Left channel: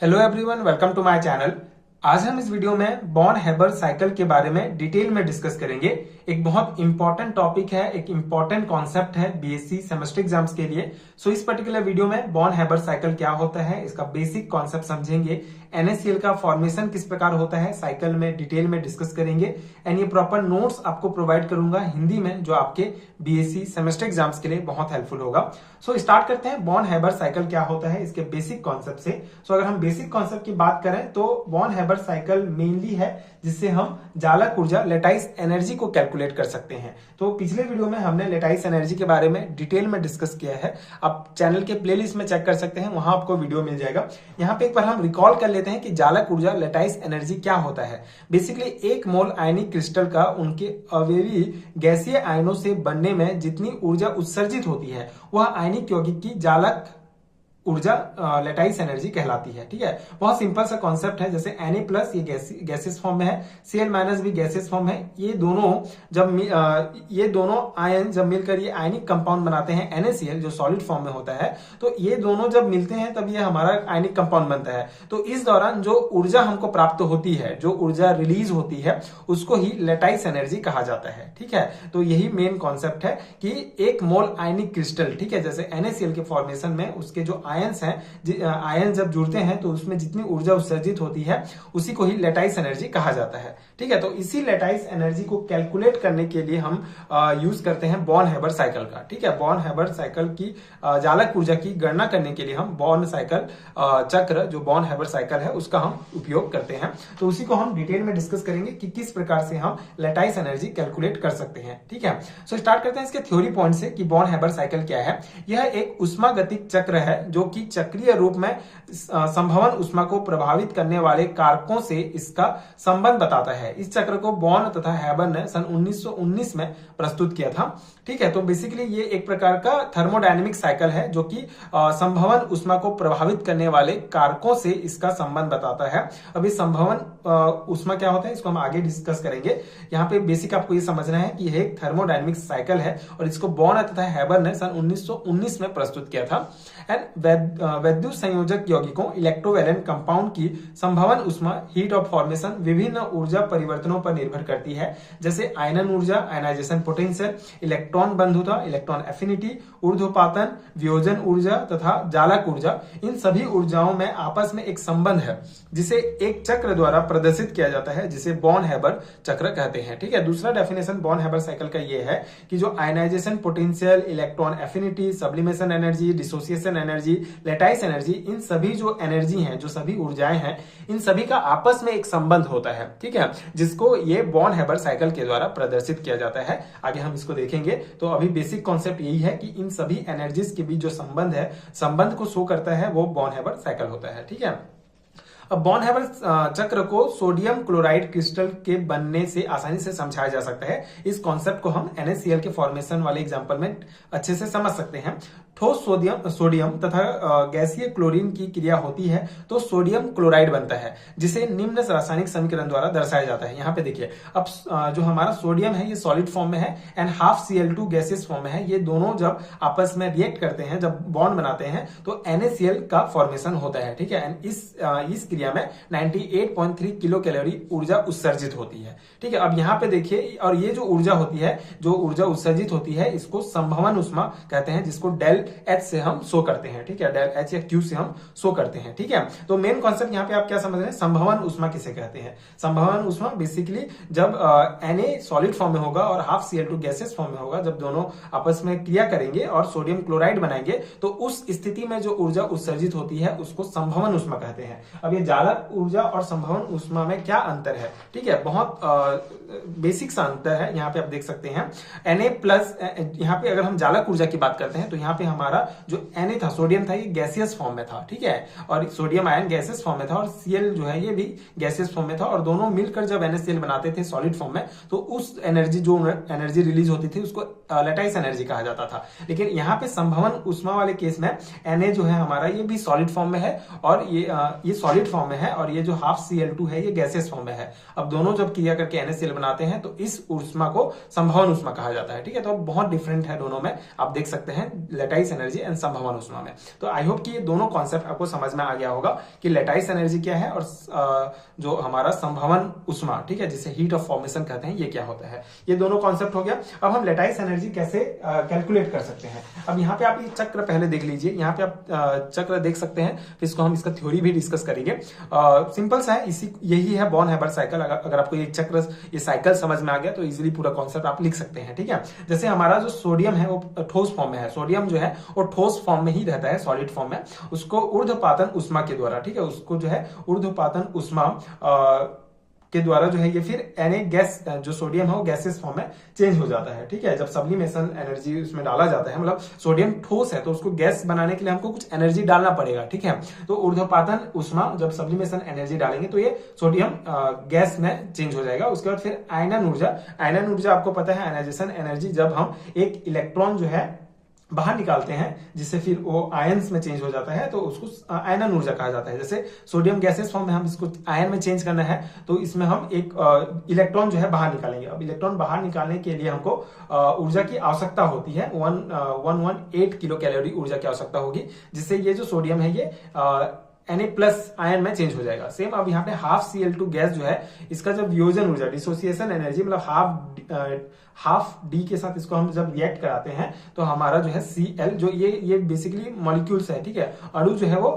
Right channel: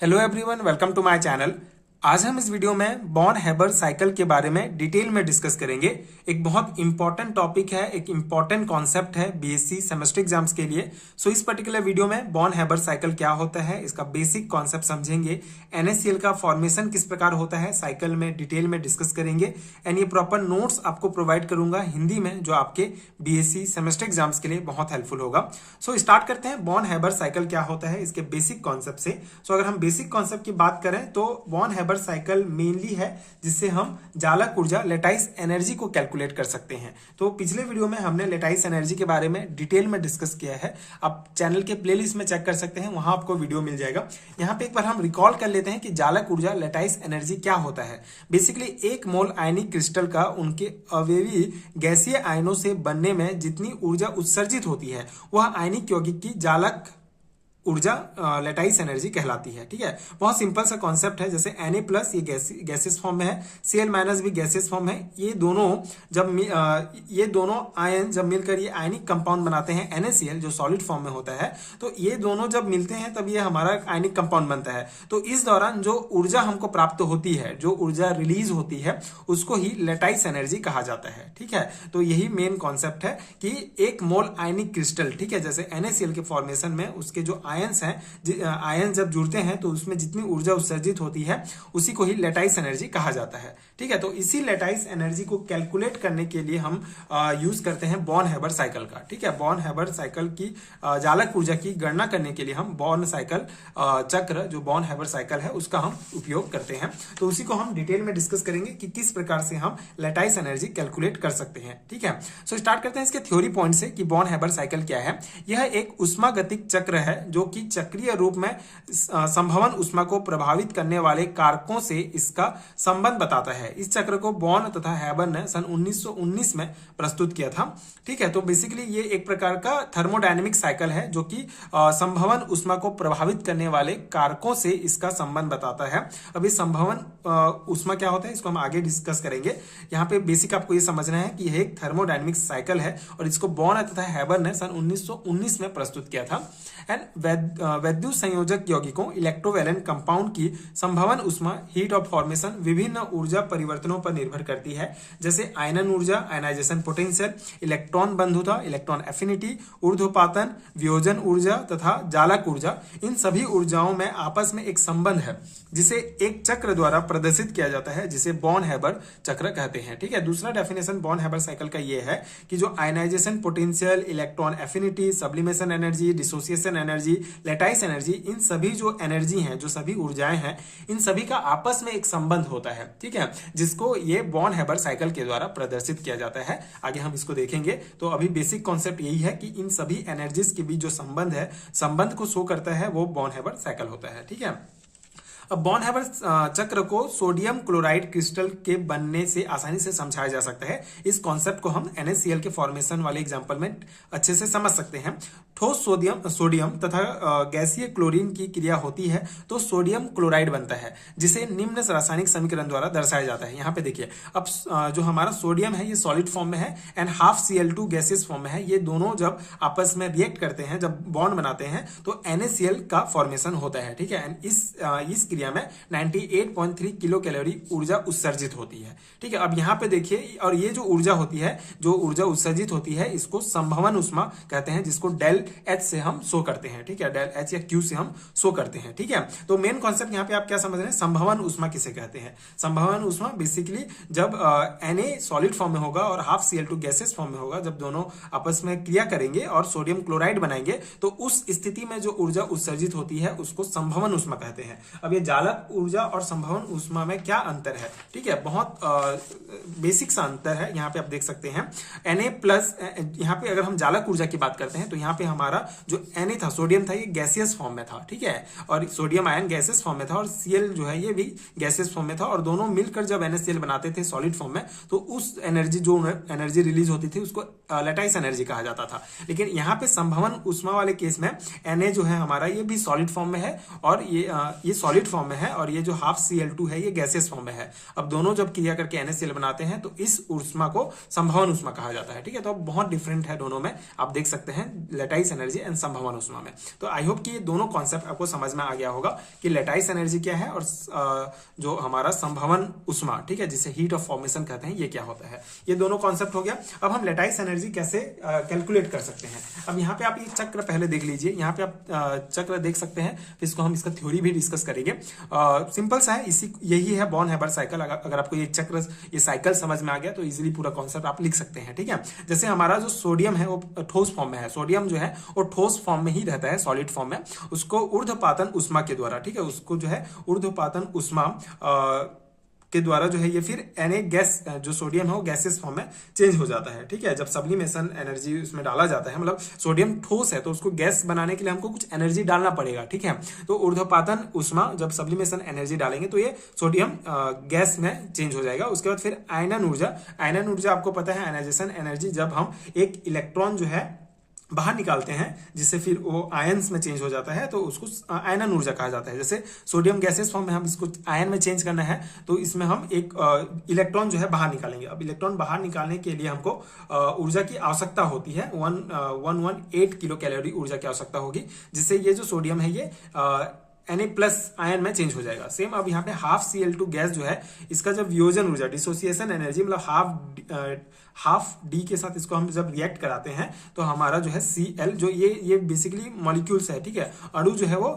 Hello everyone, welcome to my channel. आज हम इस वीडियो में बॉर्न हेबर साइकिल के बारे में डिटेल में डिस्कस करेंगे। एक बहुत इंपॉर्टेंट टॉपिक है, एक इंपॉर्टेंट कॉन्सेप्ट है बीएससी सेमेस्टर एग्जाम्स के लिए। सो इस पर्टिकुलर वीडियो में बॉर्न हेबर साइकिल क्या होता है, इसका बेसिक कॉन्सेप्ट समझेंगे। एनएससीएल का फॉर्मेशन किस प्रकार होता है साइकिल में डिटेल में डिस्कस करेंगे। एंड ये प्रॉपर नोट्स आपको प्रोवाइड करूंगा हिंदी में, जो आपके बीएससी सेमेस्टर एग्जाम्स के लिए बहुत हेल्पफुल होगा। सो स्टार्ट करते हैं, बॉर्न हेबर साइकिल क्या होता है इसके बेसिक कॉन्सेप्ट से। सो अगर हम बेसिक कॉन्सेप्ट की बात करें तो बॉर्न हेबर साइकिल मेनली है जिससे हम जालक ऊर्जा लेटाइस एनर्जी को कैलकुलेट कर सकते हैं। तो पिछले वीडियो में हमने लेटाइस एनर्जी के बारे में डिटेल में डिस्कस किया है, आप चैनल के प्लेलिस्ट में चेक कर सकते हैं, वहां आपको वीडियो मिल जाएगा। यहाँ पे एक बार हम रिकॉल कर लेते हैं कि जालक ऊर्जा लेटाइस एनर्जी क्या होता है। बेसिकली एक मोल आयनिक क्रिस्टल का उनके अवयवी गैसीय आयनों से बनने में जितनी ऊर्जा उत्सर्जित होती है वह आयनिक यौगिक की जालक ऊर्जा लेटाइस एनर्जी कहलाती है। ठीक है, बहुत सिंपल सा कॉन्सेप्ट है। जैसे Na प्लस ये गैसियस फॉर्म में है, Cl माइनस भी गैसियस फॉर्म है। ये दोनों आयन जब मिलकर ये आयनिक कंपाउंड बनाते हैं NaCl, जो सॉलिड फॉर्म में होता है। तो ये दोनों जब मिलते हैं तब ये हमारा आयनिक कंपाउंड बनता है। तो इस दौरान जो ऊर्जा हमको प्राप्त होती है, जो ऊर्जा रिलीज होती है, उसको ही लेटाइस एनर्जी कहा जाता है। ठीक है, तो यही मेन कॉन्सेप्ट है कि एक मोल आयनिक क्रिस्टल, ठीक है, जैसे NaCl के फॉर्मेशन में उसके जो आयंस हैं, आयन जब जुड़ते हैं तो उसमें जितनी ऊर्जा उत्सर्जित होती है उसी को ही लेटाइस एनर्जी कहा जाता है। ठीक है, तो इसी लेटाइस एनर्जी को कैलकुलेट करने के लिए हम यूज करते हैं बॉर्न हेबर साइकिल का। ठीक है, बॉर्न हेबर साइकिल की जालक ऊर्जा की गणना करने के लिए हम बॉर्न साइकिल चक्र, जो बॉर्न हेबर साइकिल है, उसका हम उपयोग करते हैं। तो उसी को हम डिटेल में डिस्कस करेंगे कि किस प्रकार से हम लेटाइस एनर्जी कैलकुलेट कर सकते हैं। ठीक है, सो स्टार्ट करते हैं इसके थ्योरी पॉइंट से कि बॉर्न हेबर साइकिल क्या है। यह एक उष्मागतिक चक्र है जो कि चक्रीय रूप में संभवन उष्मा को प्रभावित करने वाले कारकों से इसका संबंध बताता है। इस चक्र को बॉर्न तथा हेबर ने सन 1919 में प्रस्तुत किया था। ठीक है, तो बेसिकली ये एक प्रकार का थर्मोडायनेमिक साइकिल है जो कि संभवन उष्मा को प्रभावित करने वाले कारकों से इसका संबंध बताता है। अभी संभवन उष्मा क्या होता है इसको हम आगे डिस्कस करेंगे। यहाँ पे बेसिक आपको ये समझना है कि यह एक थर्मोडायनेमिक साइकिल है और इसको बॉर्न तथा हेबर ने सन 1919 में प्रस्तुत किया था। एंड वैद्युत संयोजक यौगिकों इलेक्ट्रोवैलेंट कंपाउंड की संभवन उष्मा हीट ऑफ फॉर्मेशन विभिन्न ऊर्जा परिवर्तनों पर निर्भर करती है, जैसे आयनन ऊर्जा आयनाइजेशन पोटेंशियल, इलेक्ट्रॉन बंधुता इलेक्ट्रॉन एफिनिटी, ऊर्ध्वपातन वियोजन ऊर्जा तथा जालक ऊर्जा। इन सभी ऊर्जाओं में आपस में एक संबंध है जिसे एक चक्र द्वारा प्रदर्शित किया जाता है, जिसे बॉर्न हेबर चक्र कहते हैं। ठीक है, दूसरा डेफिनेशन बॉर्न हेबर साइकिल का ये है कि जो ionization potential, electron affinity, sublimation energy, dissociation energy, lattice energy, इन सभी जो एनर्जी हैं, जो सभी ऊर्जाएं हैं, इन सभी का आपस में एक संबंध होता है। ठीक है, जिसको ये बॉर्न हेबर साइकिल के द्वारा प्रदर्शित किया जाता है। आगे हम इसको देखेंगे। तो अभी बेसिक कॉन्सेप्ट यही है कि इन सभी एनर्जीज के बीच जो संबंध है, संबंध को शो करता है, वो बॉर्न हेबर साइकिल होता है। ठीक है, अब बॉर्न हेबर चक्र को सोडियम क्लोराइड क्रिस्टल के बनने से आसानी से समझाया जा सकता है। इस कॉन्सेप्ट को हम NaCl के फॉर्मेशन वाले एग्जांपल में अच्छे से समझ सकते हैं। ठोस सोडियम तथा गैसीय क्लोरीन की क्रिया होती है तो सोडियम क्लोराइड बनता है, जिसे निम्न रासायनिक समीकरण द्वारा दर्शाया जाता है। यहाँ पे देखिए, अब जो हमारा सोडियम है ये सॉलिड फॉर्म में है and half Cl2 gaseous form में है। ये दोनों जब आपस में रिएक्ट करते हैं, जब बॉन्ड बनाते हैं, तो NaCl का फॉर्मेशन होता है। ठीक है, एंड इस क्रिया में 98.3 किलो कैलोरी ऊर्जा उत्सर्जित होती है। ठीक है, अब यहाँ पे देखिए, और ये जो ऊर्जा होती है, जो ऊर्जा उत्सर्जित होती है, इसको संभवन उष्मा कहते हैं, जिसको डेल H से हम शो करते हैं। ठीक है, डेल H या Q से हम शो करते हैं। ठीक है, तो मेन कॉन्सेप्ट यहाँ पे आप क्या समझ रहे हैं, संभवन उष्मा किसे कहते हैं। संभवन उष्मा बेसिकली जब Na सॉलिड फॉर्म में होगा और हाफ Cl2 गैसेस फॉर्म में होगा, जब दोनों आपस में क्रिया करेंगे और सोडियम क्लोराइड बनाएंगे, तो उस स्थिति में जो ऊर्जा उत्सर्जित होती है उसको संभवन उष्मा कहते हैं। अब ये जालक ऊर्जा और संभवन उष्मा में क्या अंतर है। ठीक है, बहुत बेसिक सा अंतर है। यहाँ पे आप देख सकते हैं Na प्लस, यहाँ पे अगर हम जालक ऊर्जा की बात करते हैं तो यहाँ पे हमारा जो Na था, सोडियम था, ये गैसियस फॉर्म में था। ठीक है, और सोडियम आयन गैसियस फॉर्म में था और Cl जो है ये भी गैसियस फॉर्म में था, और दोनों मिलकर जब NaCl बनाते थे सॉलिड फॉर्म में, तो उस एनर्जी, जो एनर्जी रिलीज होती थी, उसको लेटाइस एनर्जी कहा जाता था। लेकिन यहाँ पे संभवन उष्मा वाले केस में Na जो है हमारा, ये भी सॉलिड फॉर्म में है और ये सॉलिड फॉर्म फॉर्म में है और ये जो हाफ Cl2 है ये गैसियस फॉर्म में है। अब दोनों जब क्रिया करके NaCl बनाते हैं तो इस ऊष्मा को संभवन ऊष्मा कहा जाता है। ठीक है, तो बहुत डिफरेंट है दोनों में, आप देख सकते हैं लेटाइस एनर्जी एंड संभवन ऊष्मा में। तो आई होप कि ये दोनों कॉन्सेप्ट आपको समझ में आ गया होगा कि लेटाइस एनर्जी क्या है और जो हमारा संभवन ऊष्मा, ठीक है, जिसे हीट ऑफ फॉर्मेशन कहते हैं, ये क्या होता है। ये दोनों कॉन्सेप्ट हो गया। अब हम लेटाइस एनर्जी कैसे कैलकुलेट कर सकते हैं। अब यहाँ पे आप ये चक्र पहले देख लीजिए, यहाँ पे आप चक्र देख सकते हैं, फिर इसको हम इसका थ्योरी भी डिस्कस करेंगे। सिंपल सा है, इसी यही है बॉर्न हैबर साइकिल। अगर आपको ये चक्र, ये साइकिल समझ में आ गया तो इजीली पूरा कॉन्सेप्ट आप लिख सकते हैं। ठीक है, जैसे हमारा जो सोडियम है वो ठोस फॉर्म में है, सोडियम जो है वो ठोस फॉर्म में ही रहता है, सॉलिड फॉर्म में। उसको ऊर्ध्वपातन ऊष्मा के द्वारा, ठीक है, उसको जो है ऊर्ध्वपातन ऊष्मा के द्वारा जो है ये फिर Na गैस, जो सोडियम है वो गैसेस फॉर्म में चेंज हो जाता है। ठीक है, जब सब्लिमेशन एनर्जी उसमें डाला जाता है, मतलब सोडियम ठोस है तो उसको गैस बनाने के लिए हमको कुछ एनर्जी डालना पड़ेगा। ठीक है, तो ऊर्ध्वपातन ऊष्मा, जब सब्लिमेशन एनर्जी डालेंगे तो ये सोडियम गैस में चेंज हो जाएगा। उसके बाद फिर आयनन ऊर्जा, आयनन ऊर्जा आपको पता है आयनाइजेशन एनर्जी, जब हम एक इलेक्ट्रॉन जो है बाहर निकालते हैं जिससे फिर वो आयंस में चेंज हो जाता है, तो उसको आयनन ऊर्जा कहा जाता है। जैसे सोडियम गैसेस फॉर्म में हम इसको आयन में चेंज करना है तो इसमें हम एक इलेक्ट्रॉन जो है बाहर निकालेंगे। अब इलेक्ट्रॉन बाहर निकालने के लिए हमको ऊर्जा की आवश्यकता होती है, 118 किलो कैलोरी ऊर्जा की आवश्यकता होगी, जिससे ये जो सोडियम है ये Na+ आयन में चेंज हो जाएगा। सेम अब यहाँ पे हाफ Cl2 गैस जो है, इसका जब वियोजन ऊर्जा, डिसोसिएशन एनर्जी, मतलब हाफ डी के साथ इसको हम जब रिएक्ट कराते हैं तो हमारा जो है Cl, जो ये बेसिकली मॉलिक्यूल्स है, ठीक है, अणु जो है वो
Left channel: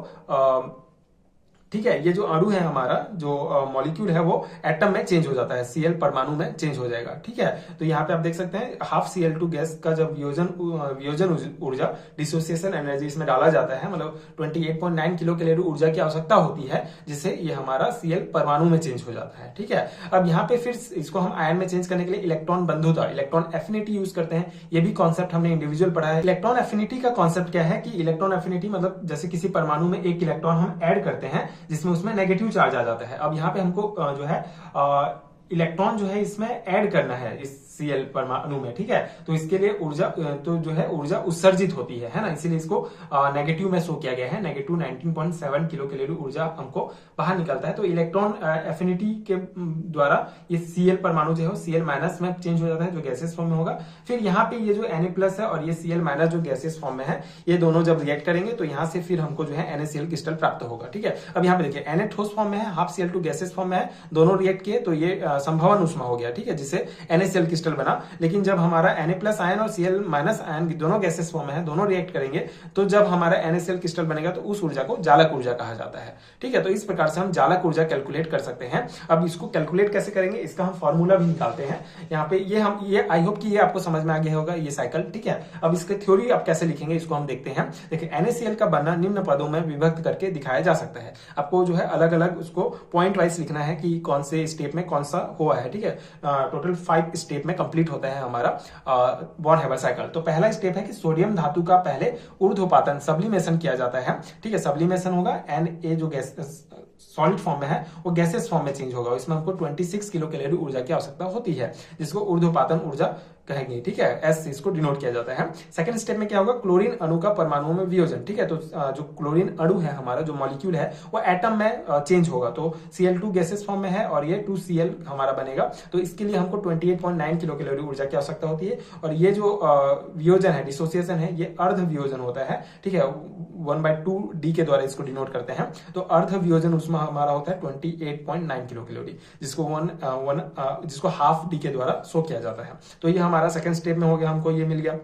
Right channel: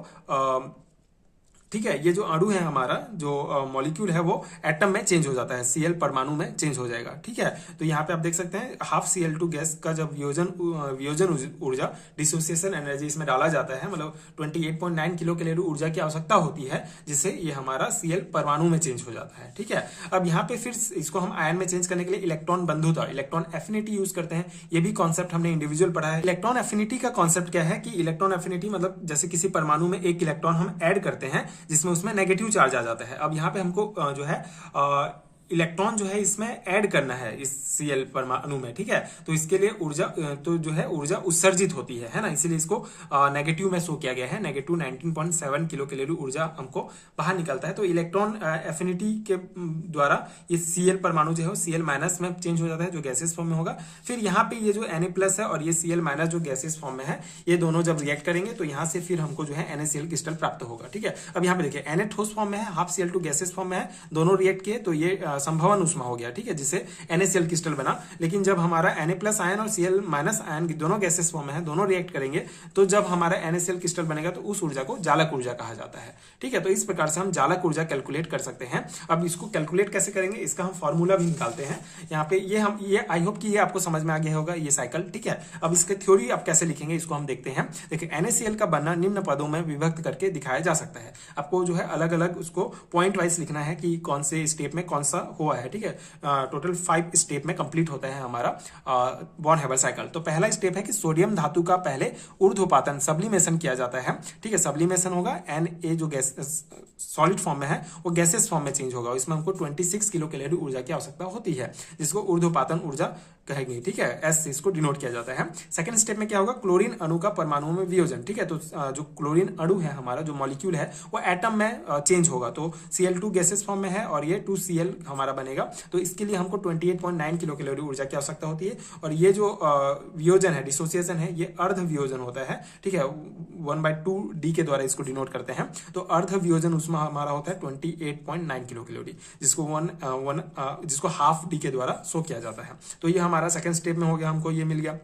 ठीक है, ये जो अणु है हमारा, जो मॉलिक्यूल है वो एटम में चेंज हो जाता है, Cl परमाणु में चेंज हो जाएगा। ठीक है, तो यहाँ पे आप देख सकते हैं हाफ Cl2 गैस का जब वियोजन ऊर्जा, डिसोसिएशन एनर्जी इसमें डाला जाता है, मतलब 28.9 किलो कैलोरी ऊर्जा की आवश्यकता होती है, जिससे ये हमारा Cl परमाणु में चेंज हो जाता है। ठीक है, अब यहाँ पे फिर इसको हम आयन में चेंज करने के लिए इलेक्ट्रॉन बंधुता, इलेक्ट्रॉन एफिनिटी यूज करते हैं। ये भी कॉन्सेप्ट हमने इंडिविजुअल पढ़ा है। इलेक्ट्रॉन एफिनिटी का कॉन्सेप्ट क्या है कि इलेक्ट्रॉन एफिनिटी मतलब जैसे किसी परमाणु में एक इलेक्ट्रॉन हम ऐड करते हैं जिसमें उसमें नेगेटिव चार्ज आ जाता है। अब यहाँ पे हमको जो है इलेक्ट्रॉन जो है इसमें ऐड करना है इस Cl परमाणु में। ठीक है, तो इसके लिए ऊर्जा, तो जो है ऊर्जा उत्सर्जित होती है ना, इसीलिए इसको नेगेटिव में शो किया गया है। नेगेटिव 19.7 किलो कैलोरी ऊर्जा हमको बाहर निकलता है। तो इलेक्ट्रॉन एफिनिटी के द्वारा ये Cl परमाणु जो है Cl- में चेंज हो जाता है, जो गैसेस फॉर्म में होगा। फिर यहाँ पे ये जो Na+ है और ये Cl- जो गैसेस फॉर्म में है, ये दोनों जब रिएक्ट करेंगे तो यहाँ से फिर हमको जो है NaCl क्रिस्टल प्राप्त होगा। ठीक है, अब यहाँ पे देखिए Na ठोस फॉर्म में है, हाफ Cl2 गैसेस फॉर्म में है, दोनों रिएक्ट किए तो ये संभवन ऊष्मा हो गया। ठीक है, जिससे NaCl क्रिस्टल बना। लेकिन जब हमारा Na+ आयन और Cl- आयन दोनों गैसेस फॉर्म में है, दोनों रिएक्ट करेंगे तो जब हमारा NaCl क्रिस्टल बनेगा तो उस ऊर्जा को जालक ऊर्जा कहा जाता है। ठीक है, तो इस प्रकार से हम जालक ऊर्जा कैलकुलेट कर सकते हैं। अब इसको कैलकुलेट कैसे करेंगे, इसका हम फॉर्मूला भी निकालते हैं यहाँ पे। ये आई होप कि ये आपको समझ में आ गया होगा, ये साइकिल। ठीक है, अब इसके थ्योरी आप कैसे लिखेंगे इसको हम देखते हैं। देखिए, NaCl का बनना निम्न पदों में विभक्त करके दिखाया जा सकता है। आपको जो है अलग अलग उसको पॉइंट वाइज लिखना है कि कौन से स्टेप में कौन सा हुआ है। ठीक है, टोटल 5 स्टेप में कंप्लीट होता है हमारा बॉर्न हैबर साइकिल। तो पहला स्टेप है कि सोडियम धातु का पहले ऊर्ध्वपातन, सब्लिमेशन किया जाता है। ठीक है, सब्लिमेशन होगा, Na जो गैस सॉलिड फॉर्म में है वो गैसेस फॉर्म में चेंज होगा। इसमें हमको 26 किलो कैलोरी ऊर्जा की आवश्यकता होती है, जिसको ऊर्ध्वपातन ऊर्जा कहेंगे। ठीक है, एस से इसको डिनोट किया जाता है। सेकंड स्टेप में क्या होगा, क्लोरीन अणु का परमाणुओं में वियोजन। ठीक है, तो जो क्लोरीन अणु है हमारा, जो मॉलिक्यूल है वो एटम में चेंज होगा। तो Cl2 गैसेस फॉर्म में है और ये 2Cl हमारा बनेगा। तो इसके लिए हमको 28.9 किलो कैलोरी ऊर्जा की आवश्यकता होती है। और ये जो वियोजन है, डिसोसिएशन है, ये अर्ध वियोजन होता है। ठीक है, 1/2d के द्वारा इसको डिनोट करते हैं। तो अर्ध वियोजन उसमें हमारा होता है 28.9 किलो कैलोरी, जिसको हाफ डी के द्वारा शो किया जाता है। तो ये हमारा सेकंड स्टेप में हो गया, हमको ये मिल गया।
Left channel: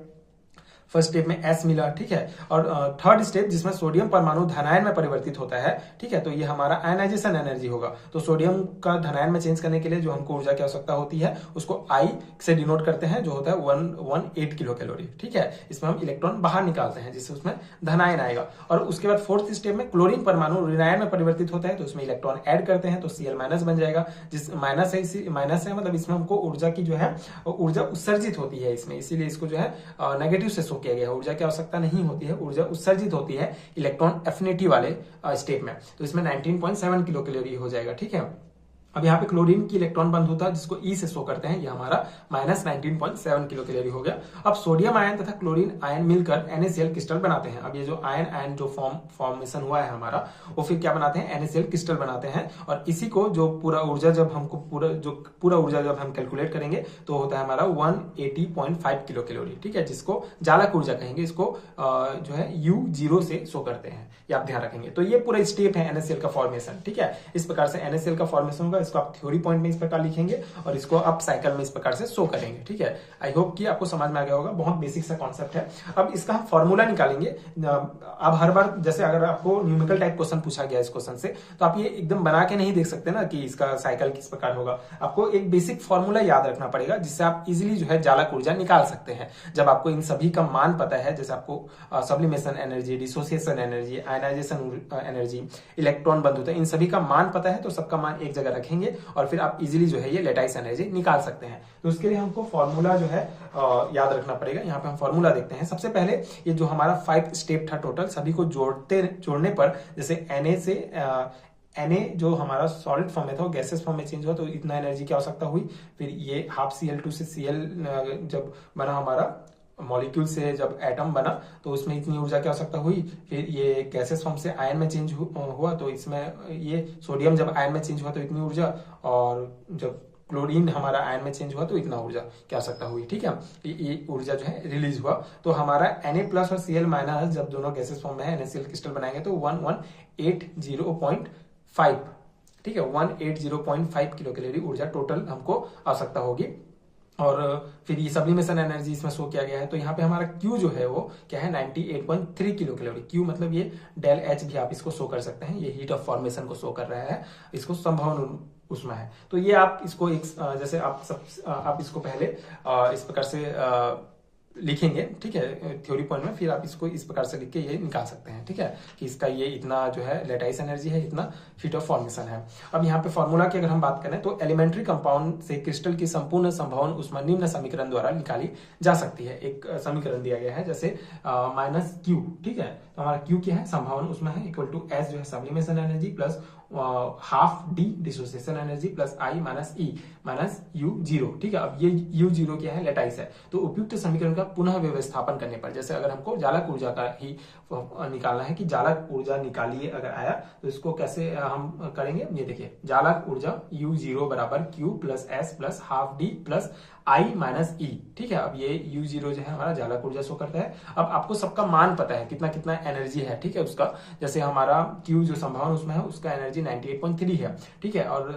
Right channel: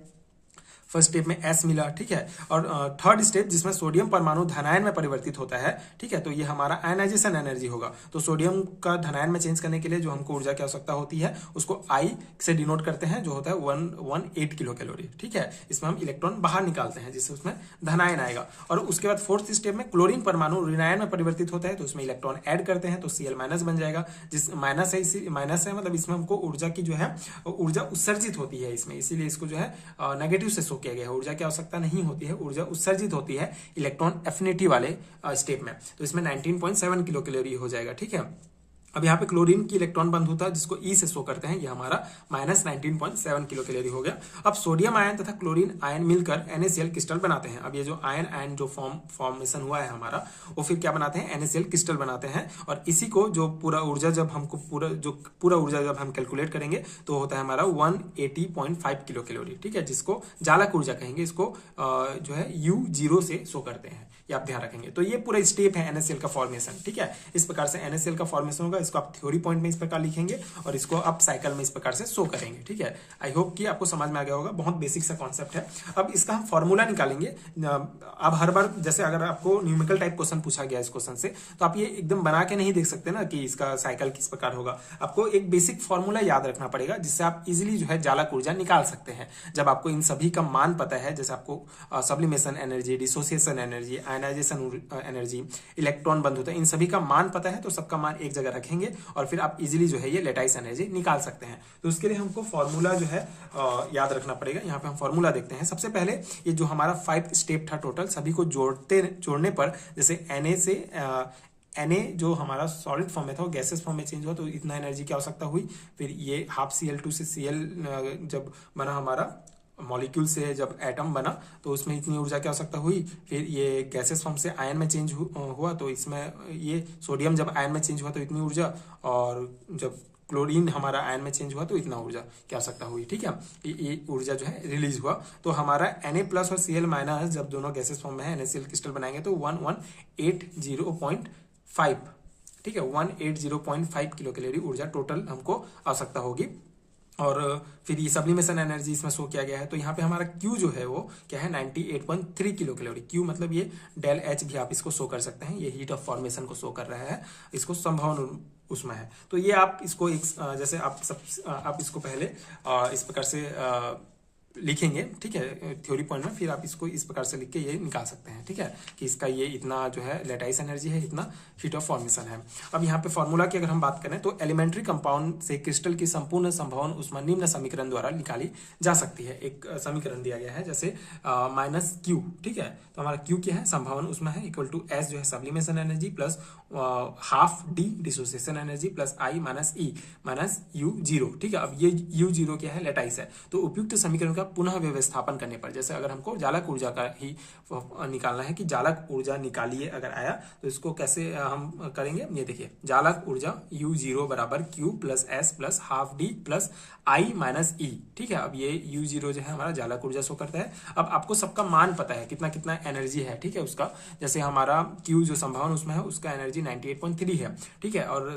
फर्स्ट स्टेप में S मिला। ठीक है, और थर्ड स्टेप जिसमें सोडियम परमाणु धनायन में परिवर्तित होता है। ठीक है, तो ये हमारा आयनाइजेशन एनर्जी होगा। तो सोडियम का धनायन में चेंज करने के लिए जो हमको ऊर्जा की आवश्यकता होती है उसको I से डिनोट करते हैं, जो होता है 118 किलो कैलोरी। ठीक है, इसमें हम इलेक्ट्रॉन बाहर निकालते हैं जिससे उसमें धनायन आएगा। और उसके बाद फोर्थ स्टेप में क्लोरीन परमाणु ऋणायन में परिवर्तित होता है, तो उसमें इलेक्ट्रॉन ऐड करते हैं तो Cl- बन जाएगा। जिस माइनस है मतलब इसमें हमको ऊर्जा की जो है ऊर्जा उत्सर्जित होती है इसमें, इसीलिए इसको जो है नेगेटिव से किया गया है। ऊर्जा की आवश्यकता नहीं होती है, ऊर्जा उत्सर्जित होती है इलेक्ट्रॉन एफिनिटी वाले स्टेप में। तो इसमें 19.7 किलो कैलोरी हो जाएगा। ठीक है, अब यहाँ पे क्लोरीन की इलेक्ट्रॉन बंधुता जिसको ई से शो करते हैं, ये हमारा -19.7 किलो कैलोरी हो गया। अब सोडियम आयन तथा क्लोरीन आयन मिलकर NaCl क्रिस्टल बनाते हैं। अब ये जो आयन आयन जो फॉर्मेशन हुआ है हमारा, वो फिर क्या बनाते हैं, NaCl क्रिस्टल बनाते हैं। और इसी को जो पूरा ऊर्जा जब हमको पूरा ऊर्जा जब हम कैलकुलेट करेंगे तो होता है हमारा 180.5 किलो कैलोरी, ठीक है, जिसको जालक ऊर्जा कहेंगे। इसको जो है U0 से शो करते हैं, ये आप ध्यान रखेंगे। तो ये पूरा स्टेप है NaCl का फॉर्मेशन, ठीक है। इस प्रकार से NaCl का फॉर्मेशन होगा, इसको आप थ्योरी पॉइंट में इस प्रकार लिखेंगे और इसको आप साइकिल में इस प्रकार से शो करेंगे, ठीक है। आई होप कि आपको समझ में आ गया होगा, बहुत बेसिक सा कॉन्सेप्ट है। अब इसका हम फॉर्मूला निकालेंगे। अब हर बार जैसे अगर आपको न्यूमेरिकल टाइप क्वेश्चन पूछा गया इस क्वेश्चन से, तो आप ये एकदम बना के नहीं देख सकते ना कि इसका साइकिल किस प्रकार होगा। आपको एक बेसिक फॉर्मूला याद रखना पड़ेगा, जिससे आप इजिली जो है जालक ऊर्जा निकाल सकते हैं। जब आपको इन सभी का मान पता है, जैसे आपको sublimation energy, dissociation energy, ionisation energy, electron बंधुता, इन सभी का मान पता है, तो सबका मान एक जगह रखेंगे और फिर आप इजीली जो है ये लेटाइस एनर्जी निकाल सकते हैं। तो उसके लिए हमको फॉर्मूला जो है याद रखना पड़ेगा। यहाँ पे हम फॉर्मूला देखते हैं। सबसे पहले ये जो हमारा 5 स्टेप था टोटल, सभी को जोड़ने पर जैसे Na से Na जो हमारा सॉलिड फॉर्म में था वो गैसेस फॉर्म में चेंज हुआ, तो इतना एनर्जी की आवश्यकता हुई। फिर ये ½ Cl2 से Cl जब बना हमारा मॉलिक्यूल से, जब एटम बना तो उसमें इतनी ऊर्जा की आवश्यकता हुई। फिर ये गैसेस फॉर्म से आयन में चेंज हुआ, तो इसमें ये सोडियम जब आयन में चेंज हुआ तो इतनी ऊर्जा, और जब क्लोरीन हमारा आयन में चेंज हुआ तो इतना ऊर्जा की आवश्यकता हुई, ठीक है। ये ऊर्जा जो है रिलीज हुआ। तो हमारा Na+ और Cl- जब दोनों गैसेस फॉर्म में है, NaCl क्रिस्टल बनाएंगे तो 1180.5, ठीक है, 180.5 किलो कैलोरी ऊर्जा टोटल हमको आवश्यकता होगी। और फिर ये सब्लिमेशन एनर्जी इसमें शो किया गया है। तो यहाँ पे हमारा Q जो है वो क्या है, 98.3 किलो कैलोरी। Q मतलब ये ΔH भी आप इसको शो कर सकते हैं, ये हीट ऑफ फॉर्मेशन को शो कर रहा है, इसको संभवन उसमें है। तो ये आप इसको एक जैसे आप इसको पहले इस प्रकार से लिखेंगे, ठीक है, थ्योरी पॉइंट में। फिर आप इसको इस प्रकार से लिख के ये निकाल सकते हैं, ठीक है, कि इसका ये इतना जो है लेटाइस एनर्जी है, इतना हीट ऑफ फॉर्मेशन है। अब यहाँ पे फॉर्मूला की अगर हम बात करें तो एलिमेंट्री कंपाउंड से क्रिस्टल की संपूर्ण संभावना उसमें निम्न समीकरण द्वारा निकाली जा सकती है। एक समीकरण दिया गया है जैसे -Q, ठीक है। तो हमारा Q क्या है, संभावना उसमें है, इक्वल टू S जो है sublimation energy plus ½ dissociation energy plus I - E -U0, ठीक है। अब ये U0 क्या है, लेटाइस है। तो उपयुक्त समीकरण का पुनः व्यवस्थापन करने पर, जैसे अगर हमको जालक ऊर्जा का ही निकालना है कि जालक ऊर्जा निकालिए अगर आया, तो इसको कैसे हम करेंगे, ये देखिए, जालक ऊर्जा U0 बराबर Q plus S plus ½ D plus I - E, ठीक है। अब ये U0 जो है हमारा जालक ऊर्जा शो करता है। अब आपको सबका मान पता है कितना कितना एनर्जी है, ठीक है, उसका। जैसे हमारा Q जो संभावना उसमें है उसका एनर्जी 98.3 है, ठीक है, और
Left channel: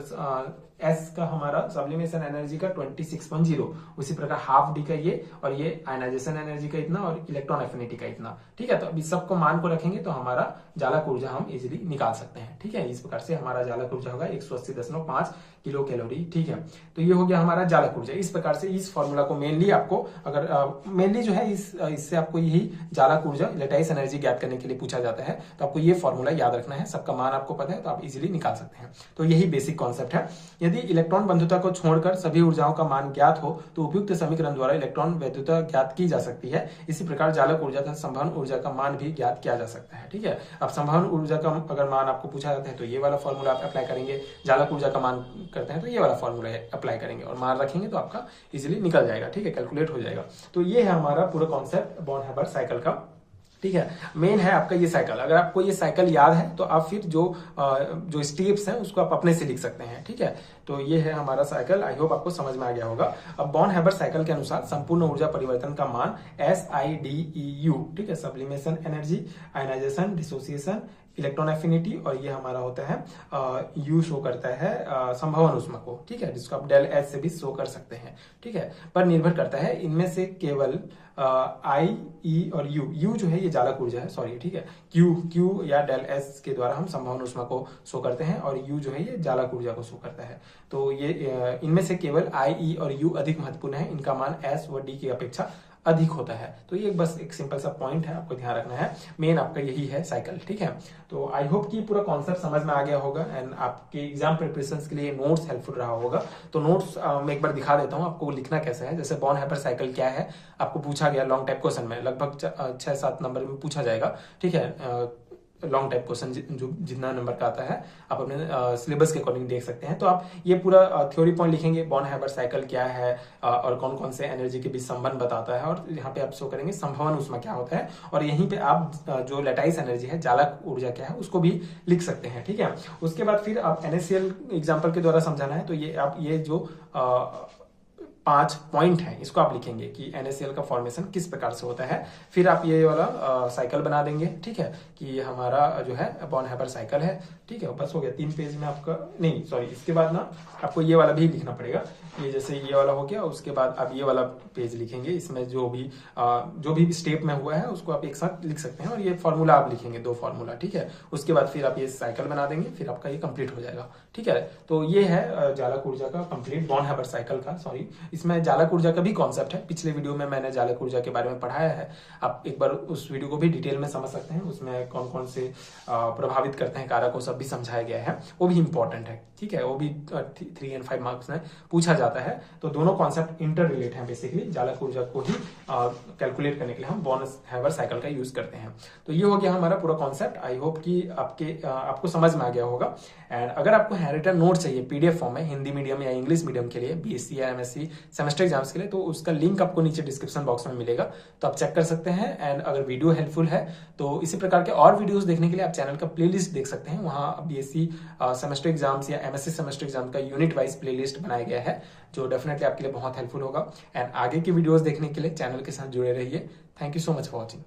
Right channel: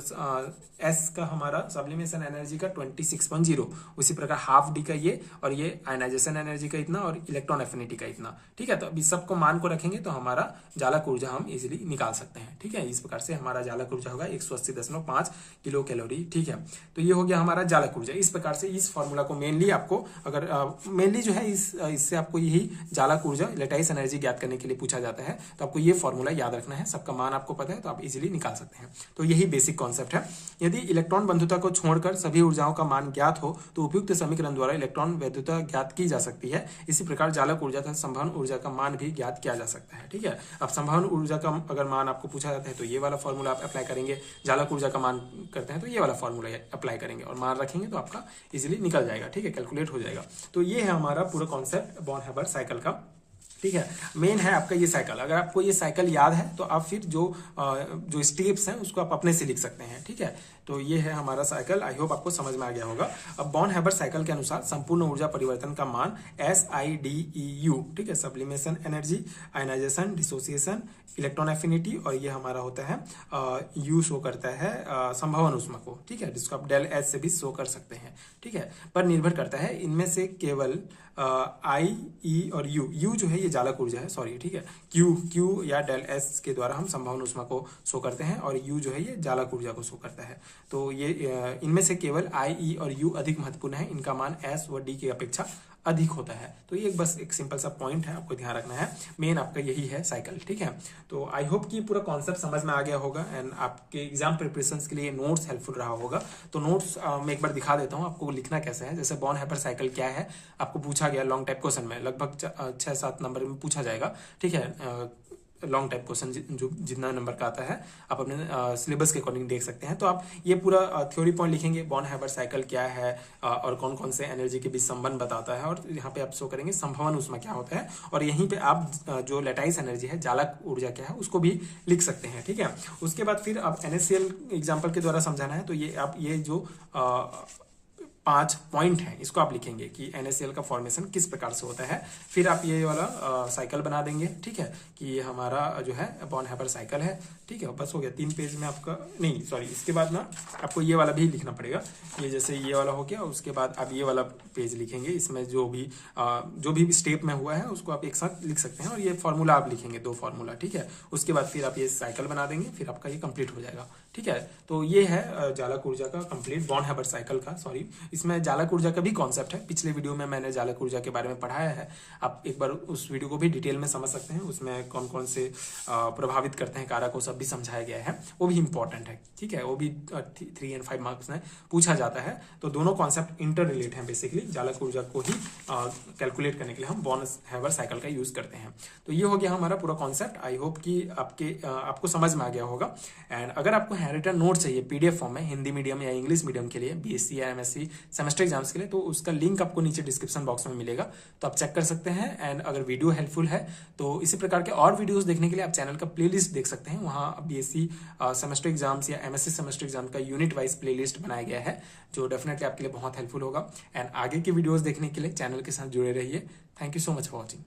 S का हमारा सब्लिमेशन एनर्जी का 26.0, उसी प्रकार ½ D का ये, और ये आयनाइजेशन एनर्जी का इतना, और इलेक्ट्रॉन एफिनिटी का इतना, ठीक है। तो अभी सबको मान को रखेंगे तो हमारा जालक ऊर्जा हम इजिली निकाल सकते हैं, ठीक है। इस प्रकार से हमारा जालक ऊर्जा होगा 180.5 किलो कैलोरी, ठीक है। तो ये हो गया हमारा जालक ऊर्जा। इस प्रकार से इस फॉर्मूला को मेनली आपको अगर मेनली जो है इससे आपको यही जालक ऊर्जा, लेटाइस एनर्जी ज्ञात करने के लिए पूछा जाता है। तो आपको ये फॉर्मूला याद रखना है, सबका मान आपको पता है तो आप इजिली निकाल सकते हैं। तो यही बेसिक कॉन्सेप्ट है। यदि इलेक्ट्रॉन बंधुता को छोड़कर सभी ऊर्जाओं का मान ज्ञात हो तो उपयुक्त समीकरण द्वारा इलेक्ट्रॉन वैधुता ज्ञात की जा सकती है। इसी प्रकार जालक ऊर्जा तथा संभावना ऊर्जा का मान भी ज्ञात किया जा सकता है, ठीक है। अब संभावना ऊर्जा का अगर मान आपको पूछा जाता है तो ये वाला फॉर्मूला आप अप्लाई करेंगे, जालक ऊर्जा का मान करते हैं तो ये वाला फॉर्मूला अप्लाई करेंगे और मान रखेंगे तो आपका इजीली निकल जाएगा, ठीक है, कैलकुलेट हो जाएगा। तो ये है हमारा पूरा कॉन्सेप्ट बॉर्न हैबर साइकिल का, ठीक है। मेन है आपका ये साइकिल। अगर आपको ये साइकिल याद है तो आप फिर जो स्टेप्स हैं उसको आप अपने से लिख सकते हैं, ठीक है। तो ये है हमारा साइकिल। आई होप आपको समझ में आ गया होगा। अब बॉर्न हैबर साइकिल के अनुसार संपूर्ण ऊर्जा परिवर्तन का मान SIDEU, ठीक है, sublimation energy, ionisation, dissociation, electron affinity, और ये हमारा होता है U शो करता है संभावना ऊष्मा को, ठीक है, जिसको आप ΔH से भी शो कर सकते हैं, ठीक है, पर निर्भर करता है। इनमें से केवल I, E और U जो है ये जालक ऊर्जा है, सॉरी, ठीक है। Q या ΔS के द्वारा हम संभावना ऊष्मा को शो करते हैं, और U जो है ये जालक ऊर्जा को शो करता है। तो ये इनमें से केवल I, E और U अधिक महत्वपूर्ण है, इनका मान S व D की अपेक्षा अधिक होता है। तो ये बस एक सिंपल सा पॉइंट है, आपको ध्यान रखना है। मेन आपका यही है साइकिल, ठीक है। तो आई होप कि पूरा कॉन्सेप्ट समझ में आ गया होगा एंड आपके एग्जाम प्रिपरेशन के लिए नोट्स हेल्पफुल रहा होगा। तो नोट्स मैं एक बार दिखा देता हूँ आपको लिखना कैसे है। जैसे बॉर्न हैबर साइकिल क्या है आपको पूछा गया लॉन्ग टाइप क्वेश्चन में, लगभग 6-7 नंबर में पूछा जाएगा, ठीक है। लॉन्ग टाइप क्वेश्चन जो जितना नंबर का आता है आप अपने सिलेबस के अकॉर्डिंग देख सकते हैं। तो आप ये पूरा थ्योरी पॉइंट लिखेंगे, बॉर्न हैबर साइकिल क्या है और कौन कौन से एनर्जी के बीच संबंध बताता है, और यहाँ पे आप शो करेंगे संभवन ऊष्मा क्या होता है, और यहीं पे आप जो लेटाइस एनर्जी है, जालक ऊर्जा क्या है, उसको भी लिख सकते हैं। ठीक है, उसके बाद फिर आप NaCl एग्जाम्पल के द्वारा समझाना है, तो ये आप ये जो 5 पॉइंट है इसको आप लिखेंगे कि NaCl का फॉर्मेशन किस प्रकार से होता है। फिर आप ये वाला साइकिल बना देंगे। ठीक है, कि ये हमारा जो है बॉर्न हैबर साइकिल है। ठीक है, बस हो गया 3 पेज में आपका, नहीं सॉरी, इसके बाद ना आपको ये वाला भी लिखना पड़ेगा। ये जैसे ये वाला हो गया, उसके बाद आप ये वाला पेज लिखेंगे, इसमें जो भी स्टेप में हुआ है उसको आप एक साथ लिख सकते हैं, और ये फॉर्मूला आप लिखेंगे, 2 फॉर्मूला। ठीक है, उसके बाद फिर आप ये साइकिल बना देंगे, फिर आपका ये कंप्लीट हो जाएगा। ठीक है, तो ये है जालक ऊर्जा का कंप्लीट, बॉर्न हैबर साइकिल का, सॉरी, इसमें जालक ऊर्जा का भी कॉन्सेप्ट है। पिछले वीडियो में मैंने जालक ऊर्जा के बारे में पढ़ाया है, आप एक बार उस वीडियो को भी डिटेल में समझ सकते हैं। उसमें कौन कौन से प्रभावित करते हैं कारक, को सब भी समझाया गया है, वो भी इंपॉर्टेंट है। ठीक है, वो भी 3 और 5 मार्क्स में पूछा जाता है। तो दोनों कॉन्सेप्ट इंटर रिलेट है। बेसिकली जालक ऊर्जा को ही कैलकुलेट करने के लिए हम बॉर्न हैबर साइकिल का यूज करते हैं। तो ये हो गया हमारा पूरा कॉन्सेप्ट। आई होप कि आपको समझ में आ गया होगा। एंड अगर आपको हैंडरिटन नोट चाहिए PDF फॉर्म में, हिंदी मीडियम या इंग्लिश मीडियम के लिए, BSc या MSc सेमेस्टर एग्जाम्स के लिए, तो उसका लिंक आपको नीचे डिस्क्रिप्शन बॉक्स में मिलेगा, तो आप चेक कर सकते हैं। एंड अगर वीडियो हेल्पफुल है तो इसी प्रकार के और वीडियोस देखने के लिए आप चैनल का प्लेलिस्ट देख सकते हैं। वहां BSc सेमेस्टर एग्जाम्स या MSc सेमेस्टर एग्जाम का यूनिट वाइज प्लेलिस्ट बनाया गया है, जो डेफिनेटली आपके लिए बहुत हेल्पफुल होगा। एंड आगे की वीडियोस देखने के लिए चैनल के साथ जुड़े रहिए। Thank you so much for watching.